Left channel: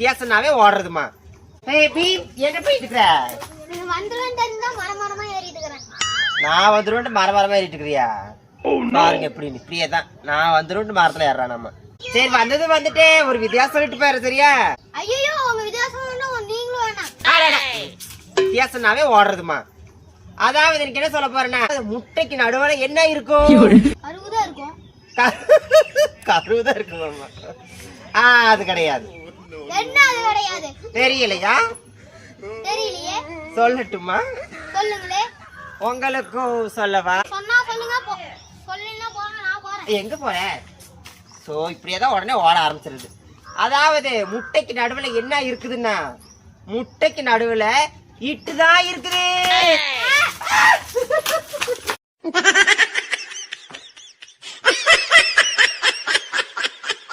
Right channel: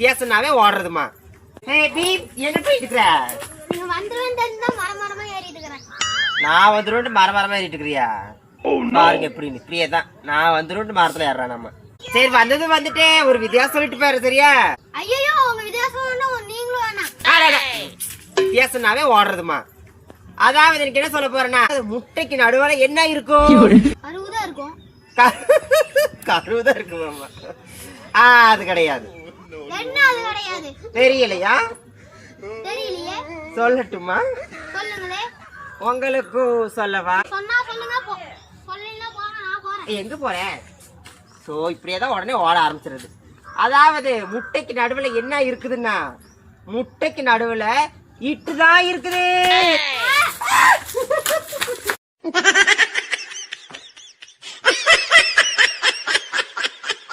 வித்தியாசம்னாவே ஓடுறதுமா. என்ன போயிட்டு இருக்கிற? நான் வந்துருவேன் மரமா ஏறிட்டு இருக்கிறியா? பாருங்க எப்படின்னு இப்படியே தான் நான் வந்துருவேன் மரத்துல ஏறான் நம்ம. சரி வந்தது வந்துட்டே ஒரு வித்தியாசம் சொல்லிட்டு பாரு சரியா? வித்தியாசம்னாவே ஓடுறதுமா. அதாவது எனக்கு என்ன சொல்ல போறேன்னா முட்டைக்கு நடுவுல என்ன இருக்கும்? கருவுதான் இருக்கும். அது கிடையாது. தெரியலையா? சொல்லட்டுமா? உங்களுக்கு சொல்லவா? எங்க போற? சோ இப்படியேதான் உடனே ஓட ஆரம்பிச்சிருது. அதாவது முட்டைக்கு நடுவுல என்ன இருக்குதுன்னா முட்டைக்கு நடுவுல இட்டுதான் இருக்குது.